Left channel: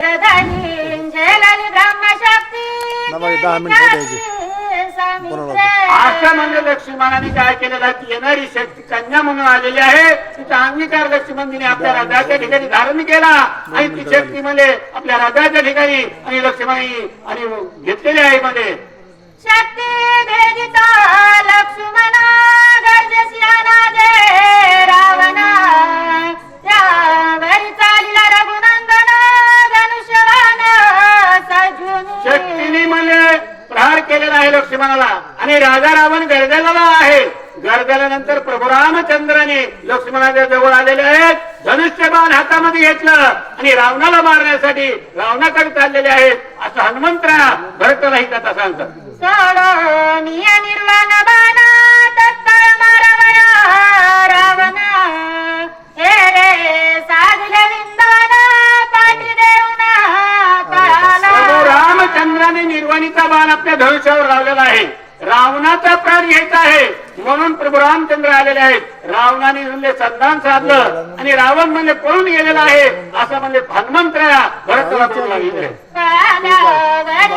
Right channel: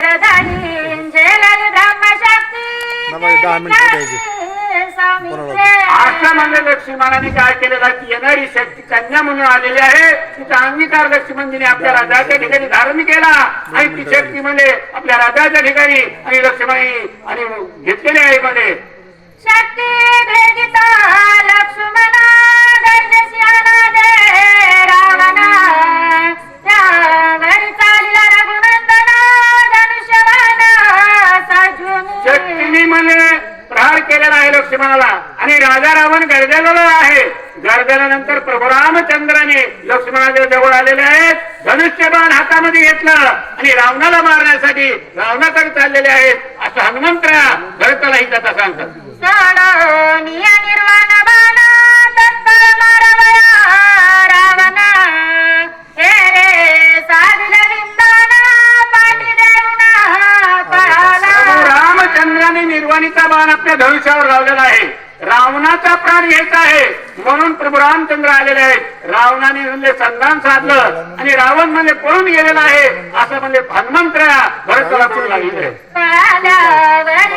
10 मिनिटं द्यायची. असं म्हणजे लक्ष्मणाने काय केलेलं की येणारी शक्ती कन्या म्हणून आलेली आहे, तिचा अंगीकार लक्ष्मणजीने आपल्या राजाच्या ठिकाणी धारण केला आणि ती शक्ती म्हणजे आपल्या राजाच्या ठिकाणी आणि लक्ष्मणाने आणि घेतलेली आहे मध्ये शक्ती भेदिता लक्ष्मण गरजेसियाला दे रावणा त्या घरी चालला रघुनंदन धनुष्यबाण सजून शक्तीने मला प्रहार केलेला आहे लक्ष्मणाला आणि राजा रावण गरजलेला आहे. गरजल्यानंतर प्रभू रामचंद्राने लक्ष्मणाच्या जवळ आलेले आहेत, धनुष्यबाण हातामध्ये घेतलं आणि रावणाला मारण्यासाठी रावणाकडे चाललेले आहेत असं हनुमंतराया भरताला ही कथा सांगतात. सडोनिया निर्वाण बाणा तत्पर मारवया रावणा हे रे साधिले विंदान पाठी देऊन पळाला. प्रभू रामचंद्राने निर्वाणीचा बाण आपल्या धनुष्यावर लावलेला आहे. रावणाचा प्राण घ्यायचा आहे म्हणून प्रभू रामचंद्र आलेले आहेत. रावणाने म्हणजे संधान साधलं आणि रावण म्हणजे पळून गेलेला आहे असं म्हणजे हनुमंतराया भरताला बोलू लागले. पळाल्यावर